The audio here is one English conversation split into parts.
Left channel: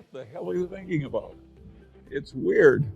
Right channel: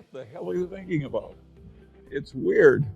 what the hell are you thinking about? It's weird.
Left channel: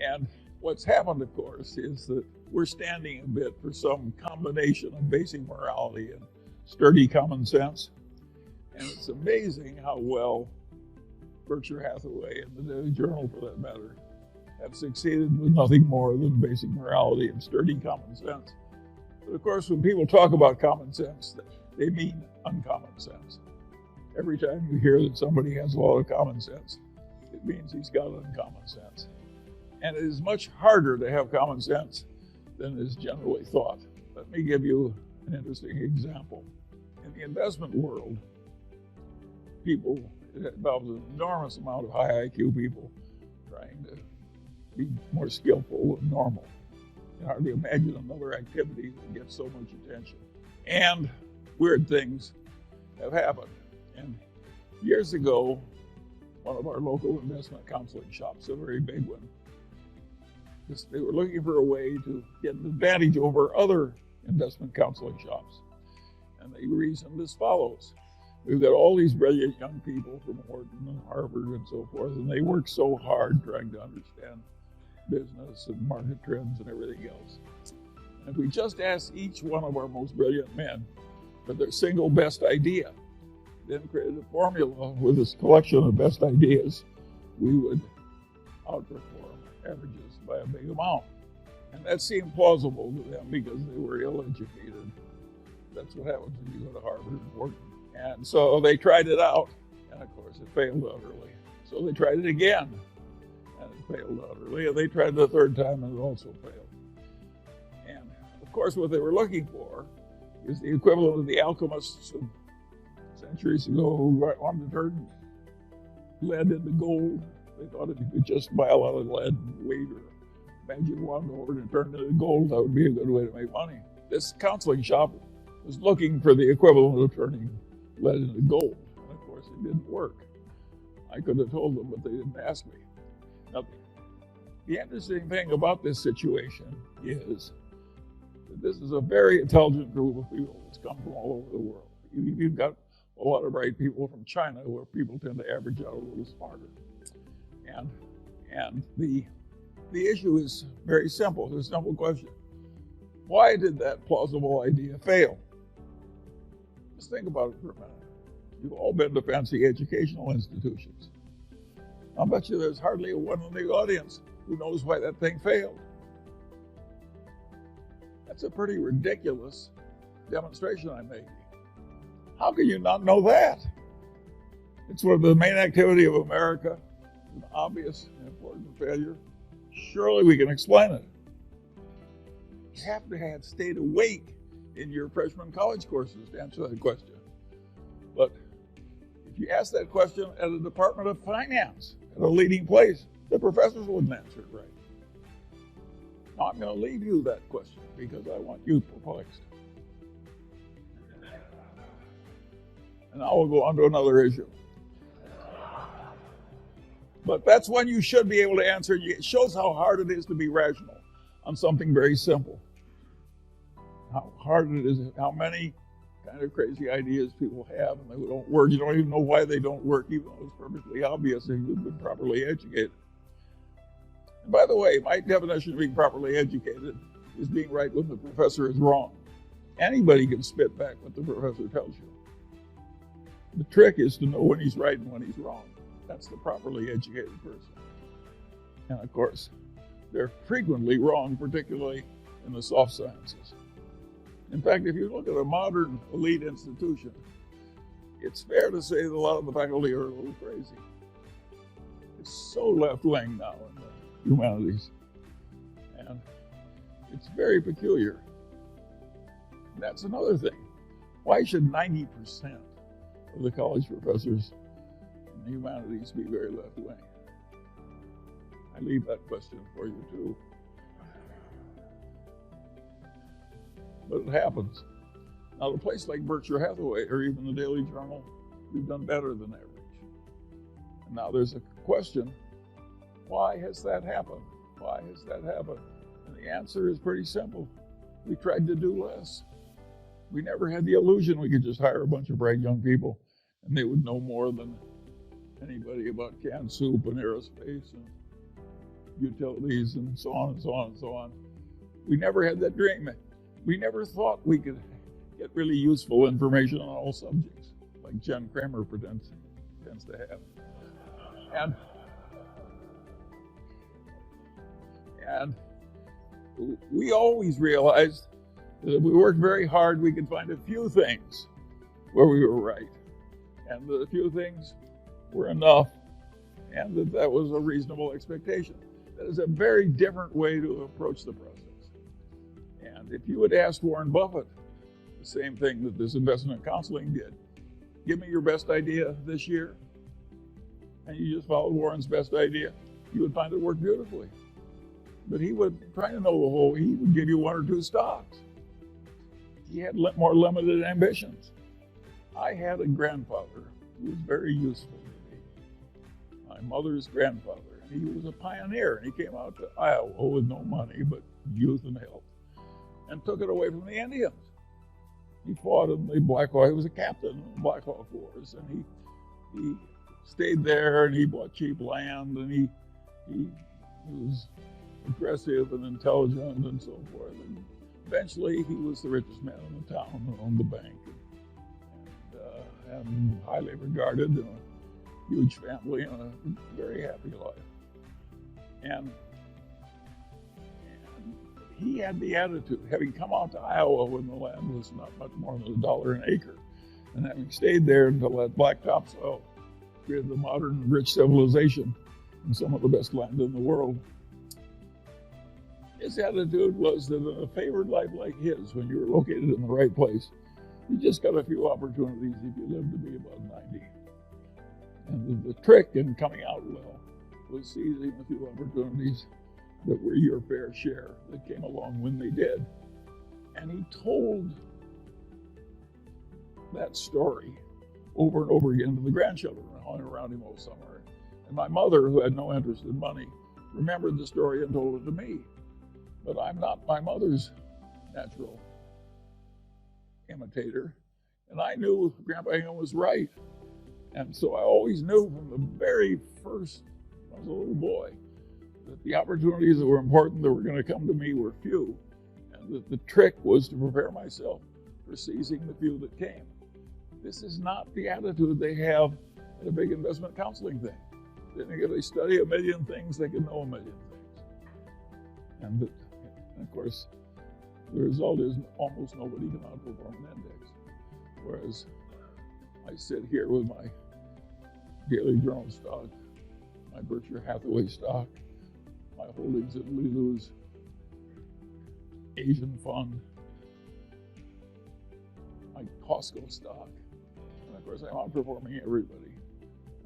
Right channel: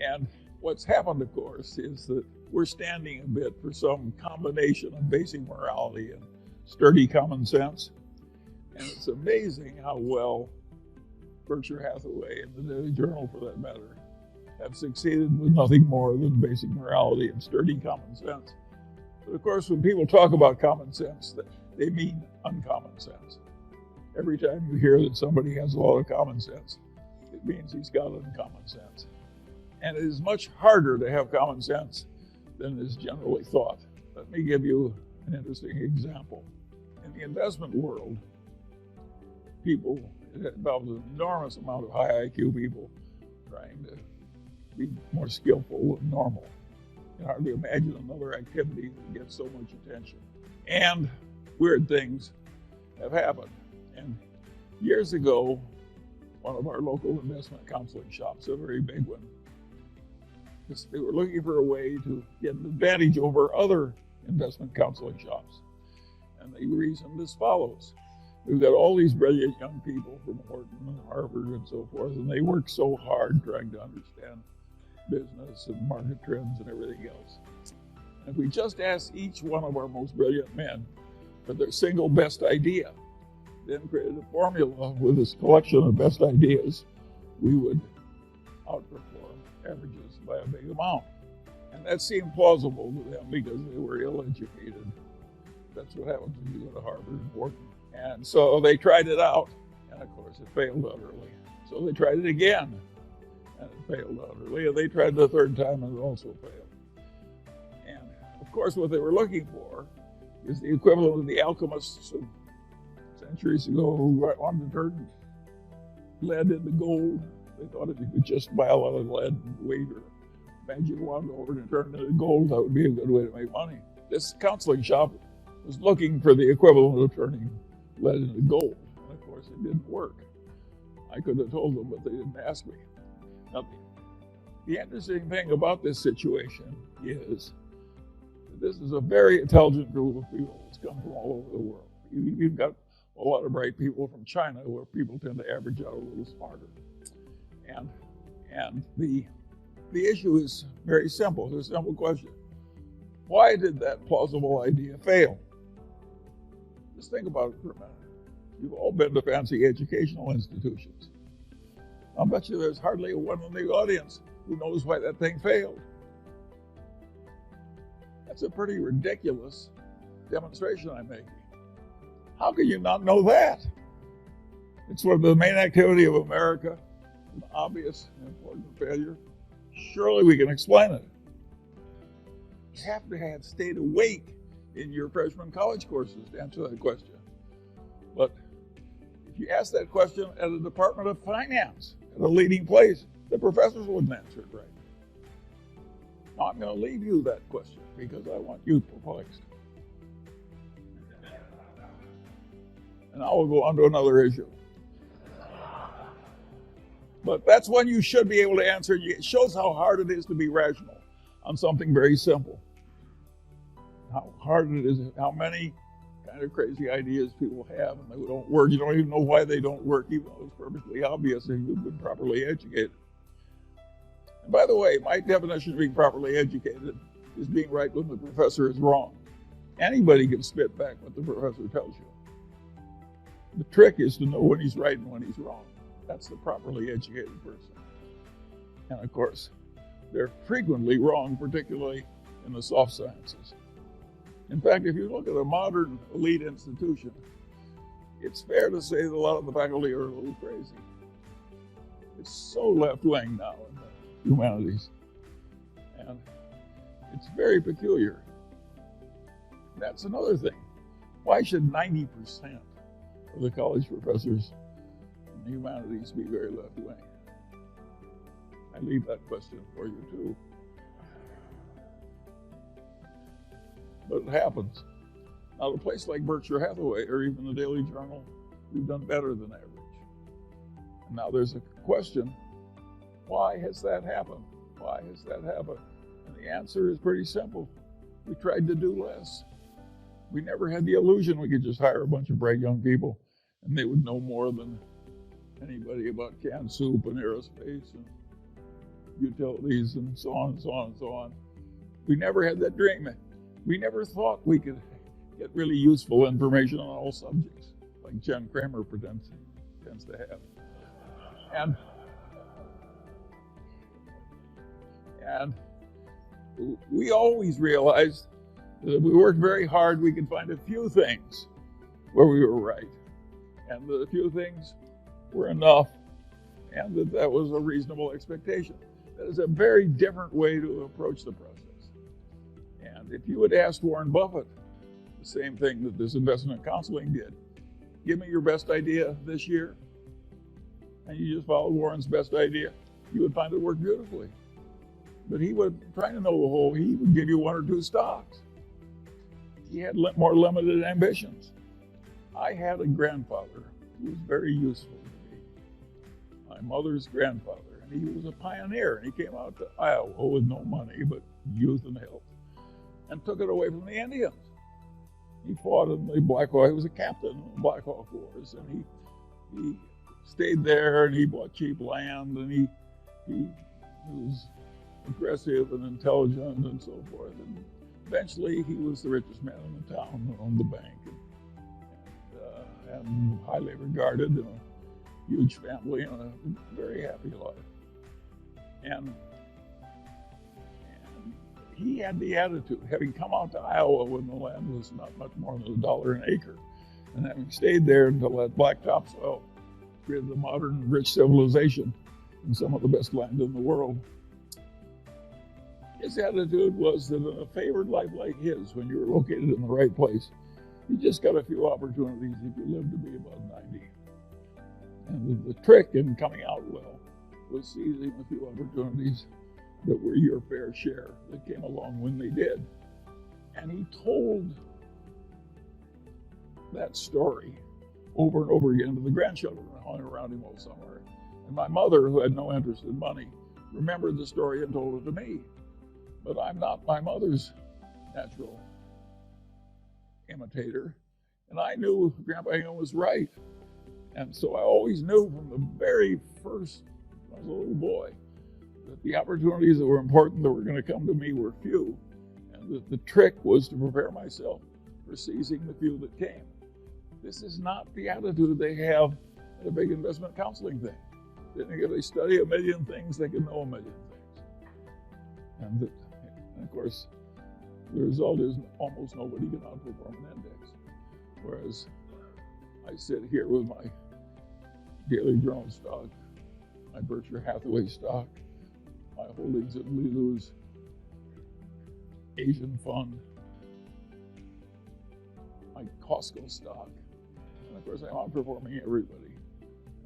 And what's happened, of course, is that we're standing a bit for some combination of basic morality and sturdy common sense. And it's amazing how well Berkshire Hathaway and the Daily Journal, for that matter, have succeeded with nothing more than basic morality and sturdy common sense. But of course, when people talk about common sense, they mean uncommon sense. Every time you hear that somebody has a lot of common sense, it means he's got uncommon sense. And it is much harder to have common sense than is generally thought. Let me give you an interesting example. In the investment world, people, it involves an enormous amount of high IQ people trying to be more skillful than normal. It's hard to imagine another activity that gets so much attention. And weird things have happened. And years ago, one of our local investment counseling shops, a very big one, they were looking for a way to get an advantage over other investment counseling shops. And they reasoned as follows. We've got all these brilliant young people from Wharton and Harvard and so forth, and they work so hard trying to understand business and market trends and everything else. And if we just asked each one of our most brilliant men for their single best idea, then created a formula with this collection of best ideas, we would outperform averages by a big amount. And that seemed plausible to them because they were ill-educated. That's what happens when you go to Harvard and Wharton. And so they tried it out, and of course it failed utterly. So they tried it again, and it failed utterly. And they tried it a third time, and it also failed. And of course what they were looking for is the equivalent of the alchemists of centuries ago who wanted to turn lead into gold. They thought if you could just buy a lot of lead and wave your magic wand over and turn it into gold, that would be a good way to make money. This counseling shop was looking for the equivalent of turning lead into gold. And of course, it didn't work. I could have told them, but they didn't ask me. Now, the interesting thing about this situation is that this is a very intelligent group of people that's come from all over the world. You've got a lot of bright people from China where people tend to average out a little smarter. And the issue is very simple. It's a simple question. Why did that plausible idea fail? Just think about it for a minute. You've all been to fancy educational institutions. I'll bet you there's hardly one in the audience who knows why that thing failed. That's a pretty ridiculous demonstration I'm making. How can you not know that? It's one of the main activity of America, an obvious and important failure. Surely we can explain it. You have to have stayed awake in your freshman college courses to answer that question. But if you ask that question at a Department of Finance, at a leading place, the professors wouldn't answer it right. Now I'm going to leave you that question because I want you perplexed. And now we'll go on to another issue. But that's one you should be able to answer. It shows how hard it is to be rational on something very simple. How hard it is, how many kind of crazy ideas people have and they don't work. You don't even know why they don't work, even though it's perfectly obvious if you've been properly educated. And by the way, my definition of being properly educated is being right when the professor is wrong. Anybody can spit back what the professor tells you. The trick is to know when he's right and when he's wrong. That's the properly educated person. And of course, they're frequently wrong, particularly in the soft sciences. In fact, if you look at a modern elite institution, it's fair to say that a lot of the faculty are a little crazy. It's so left-wing now in the humanities. And it's very peculiar. That's another thing. Why should 90% of the college professors in the humanities be very left-wing? I leave that question for you too. But it happens. Now, at a place like Berkshire Hathaway or even the Daily Journal, we've done better than average. And now there's a question, why has that happened? Why has that happened? And the answer is pretty simple. We tried to do less. We never had the illusion we could just hire a bunch of bright young people and they would know more than anybody about canned soup and aerospace and utilities and so on and so on and so on. We never had that dream. We never thought we could get really useful information on all subjects, like Jen Kramer tends to have. And we always realized that if we worked very hard, we could find a few things where we were right. And the few things were enough, and that was a reasonable expectation. That is a very different way to approach the process. And if you had asked Warren Buffett the same thing that this investment counseling did, give me your best idea this year, and you just followed Warren's best idea, you would find it worked beautifully. But he would try to know the whole, he would give you one or two stocks. He had more limited ambitions. I had a grandfather who was very useful to me, my mother's grandfather, and he was a pioneer, and he came out to Iowa with no money but youth and health, and took it away from the Indians. He fought in the Black Hawk. He was a captain in the Black Hawk Wars, and he stayed there, and he bought cheap land, and he was impressive and intelligent and so forth. And eventually, he was the richest man in the town and owned the bank, and highly regarded, and a huge family, and a very happy life. And he had the attitude, having come out to Iowa when the land was not much more than $1 an acre, and having stayed there until that blacktop soil created the modern rich civilization and some of the best land in the world. His attitude was that in a favored life like his, when you're located in the right place, you just got a few opportunities if you live to be about 90. And the trick in coming out well was seizing a few opportunities that were your fair share that came along when they did. And he told that story over and over again to the grandchildren who hung around him all summer. And my mother, who had no interest in money, remembered the story and told it to me. But I'm not my mother's natural imitator. And I knew Grandpa Hingham was right. And so I always knew from the very first, when I was a little boy, that the opportunities that were important that were going to come to me were few. And the trick was to prepare myself for seizing the few that came. This is not the attitude they have at a big investment counseling thing. If they study a million things, they can know a million things. And of course, the result is almost nobody can outperform an index. Whereas I sit here with my Daily Journal stock, my Berkshire Hathaway stock, my holdings in Lilu's Asian fund, my Costco stock. And of course, I'm outperforming everybody.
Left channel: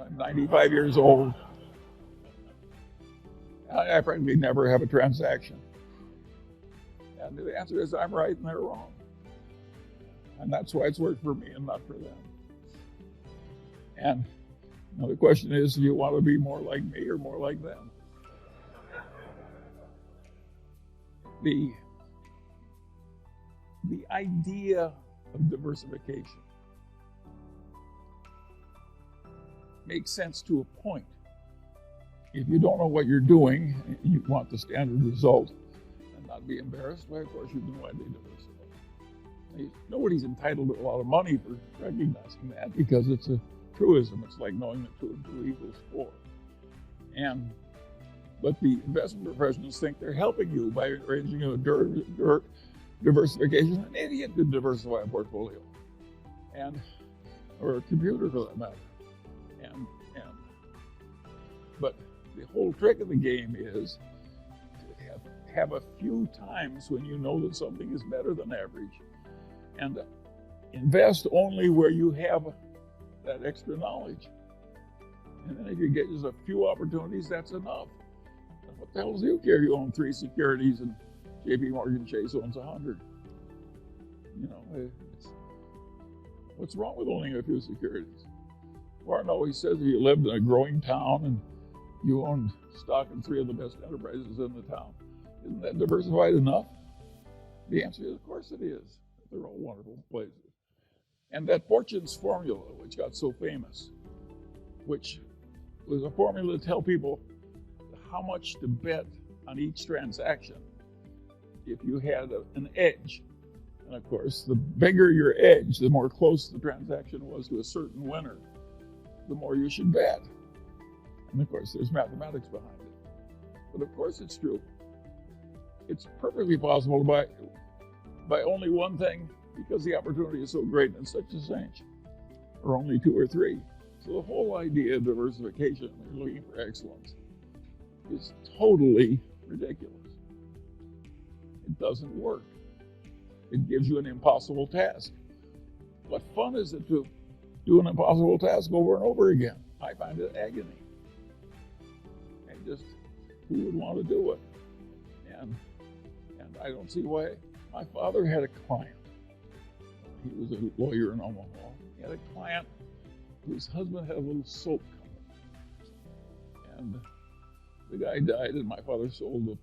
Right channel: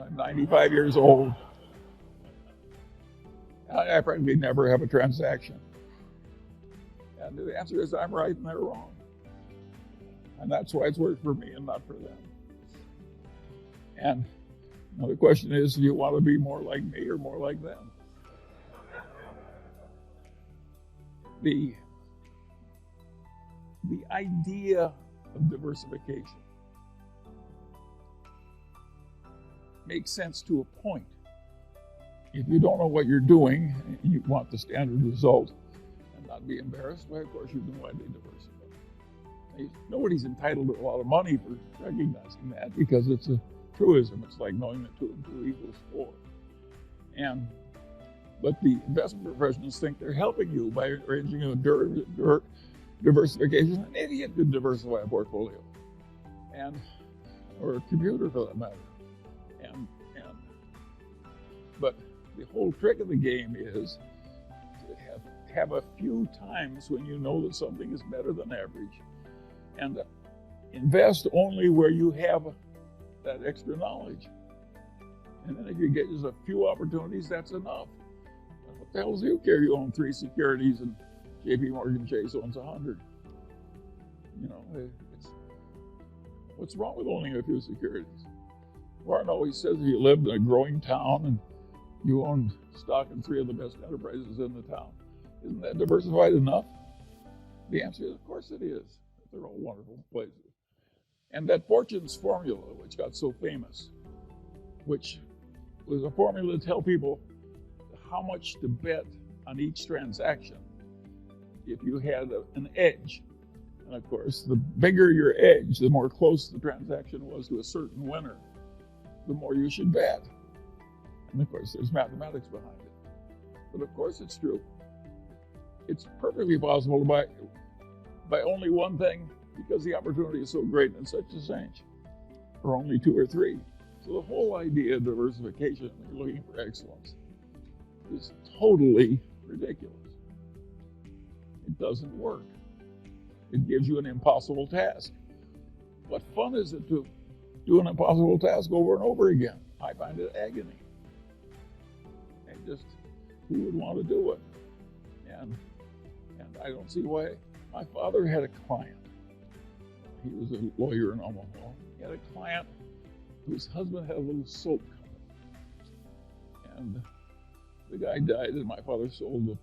I'm 95 years old. I probably never have a transaction. And the answer is I'm right and they're wrong. And that's why it's worked for me and not for them. And the question is, do you want to be more like me or more like them? The idea of diversification makes sense to a point. If you don't know what you're doing, you want the standard result and not be embarrassed, well, of course you can widely diversify. Nobody's entitled to a lot of money for recognizing that because it's a truism. It's like knowing that 2 and 2 equals 4. But the investment professionals think they're helping you by arranging a diversification. An idiot can diversify a portfolio, or a computer for that matter. But the whole trick of the game is to have a few times when you know that something is better than average, and invest only where you have that extra knowledge. And then if you get just a few opportunities, that's enough. What the hell does you care? You own 3 securities and JP Morgan Chase owns 100. What's wrong with owning a few securities? Warren always says that you lived in a growing town and you owned stock in 3 of the best enterprises in the town. Isn't that diversified enough? The answer is, of course it is. They're all wonderful places. And that Fortune's formula, which got so famous, which was a formula to tell people how much to bet on each transaction if you had an edge. And of course, the bigger your edge, the more close the transaction was to a certain winner, the more you should bet. And of course, there's mathematics behind it. But of course, it's true. It's perfectly possible to buy only one thing because the opportunity is so great in such a range, or only two or three. So the whole idea of diversification, when you're looking for excellence, is totally ridiculous. It doesn't work. It gives you an impossible task. What fun is it to do an impossible task over and over again? I find it agony. Who would want to do it? And I don't see why. My father had a client. He was a lawyer in Omaha. He had a client whose husband had a little soap company. And the guy died, and my father sold the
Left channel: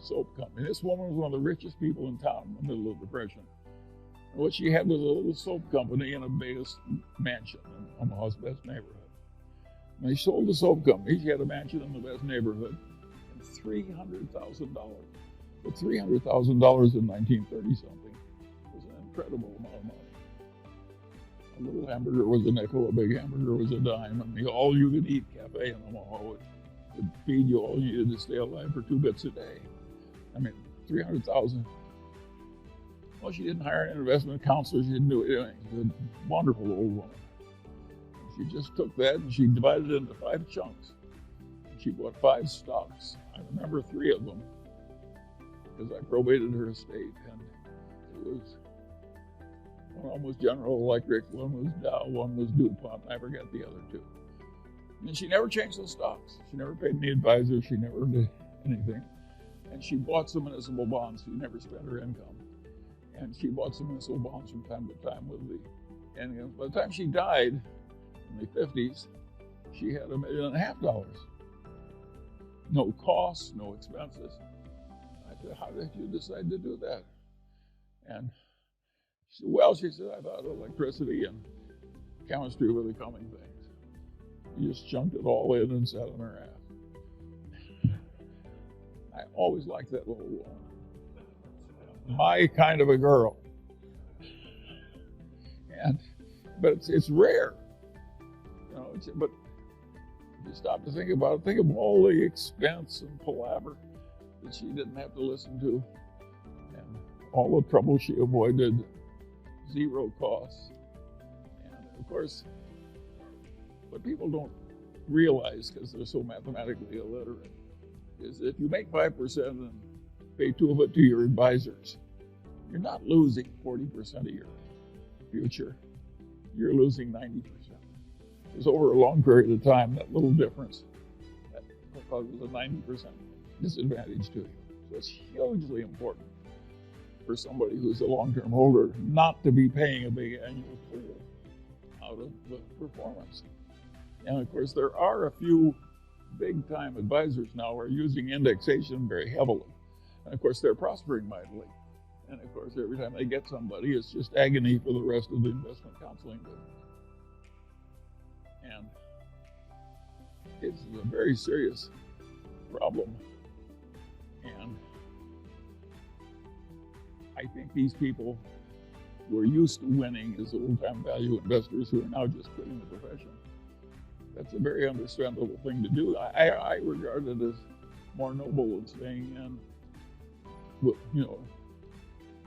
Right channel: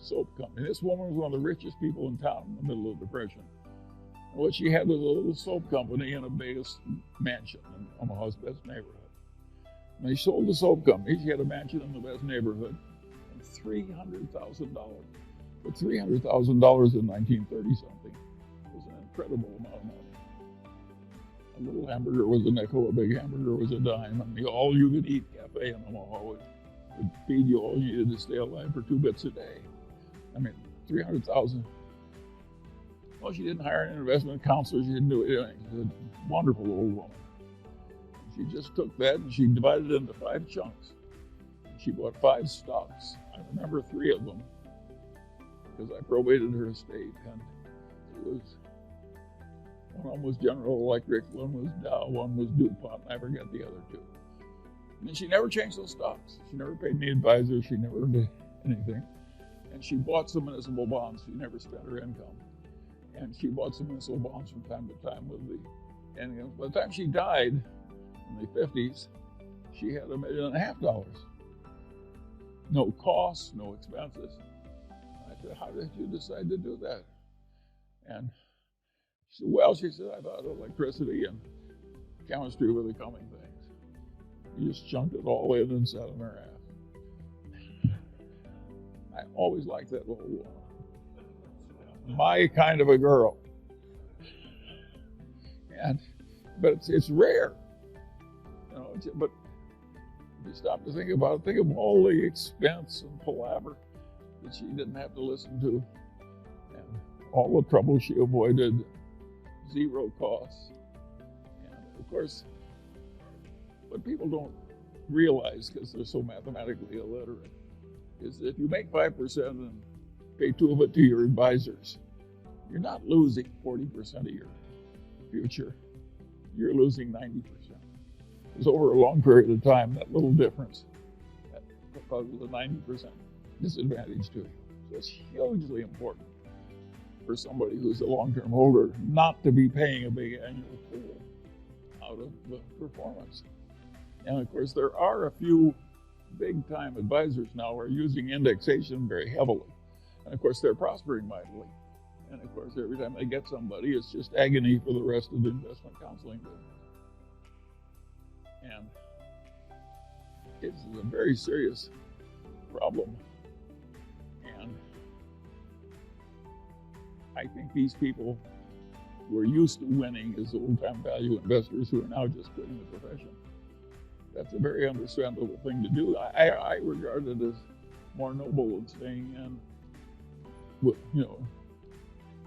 soap company. This woman was one of the richest people in town in the middle of the Depression. What she had was a little soap company in a base mansion in Omaha's best neighborhood. And they sold the soap company. She had a mansion in the best neighborhood. And $300,000. But $300,000 in 1930-something was an incredible amount of money. A little hamburger was a nickel, a big hamburger was a dime, and the all-you-can-eat cafe in Omaha would feed you all you needed to stay alive for 2 bits a day. I mean, $300,000. Well, she didn't hire an investment counselor. She didn't do anything. She was a wonderful old woman. She just took that and she divided it into 5 chunks. She bought 5 stocks. I remember 3 of them because I probated her estate. And it was, one of them was General Electric, one was Dow, one was DuPont. I forget the other 2. And she never changed those stocks. She never paid any advisor. She never did anything. And she bought some municipal bonds. She never spent her income. And she bought some municipal bonds from time to time with the, and by the time she died in the 50s, she had $1.5 million. No costs, no expenses. I said, how did you decide to do that? And she said, well, I thought electricity and chemistry were the common things. You just chunked it all in and sat on her ass. I always liked that little my kind of a girl. But it's rare. You know, but you stop to think about it. Think of all the expense and palaver that she didn't have to listen to, and all the trouble she avoided, 0 costs. And of course, what people don't realize, because they're so mathematically illiterate, is if you make 5% and pay 2 of it to your advisors, you're not losing 40% of your future. You're losing 90%. Because over a long period of time, that little difference causes a 90% disadvantage to you. So it's hugely important for somebody who's a long-term holder not to be paying a big annual toll out of the performance. And of course, there are a few big-time advisors now who are using indexation very heavily. And of course, they're prospering mightily. And of course, every time they get somebody, it's just agony for the rest of the investment counseling business. And it's a very serious problem. And I think these people who are used to winning as old-time value investors who are now just quitting the profession. That's a very understandable thing to do. I regard it as more noble than staying and, you know,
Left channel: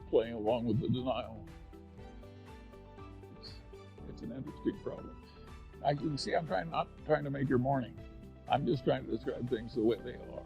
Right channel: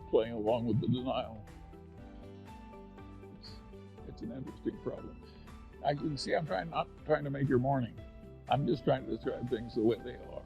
playing along with the denial. It's an interesting problem. As you can see, I'm not trying to make your morning. I'm just trying to describe things the way they are.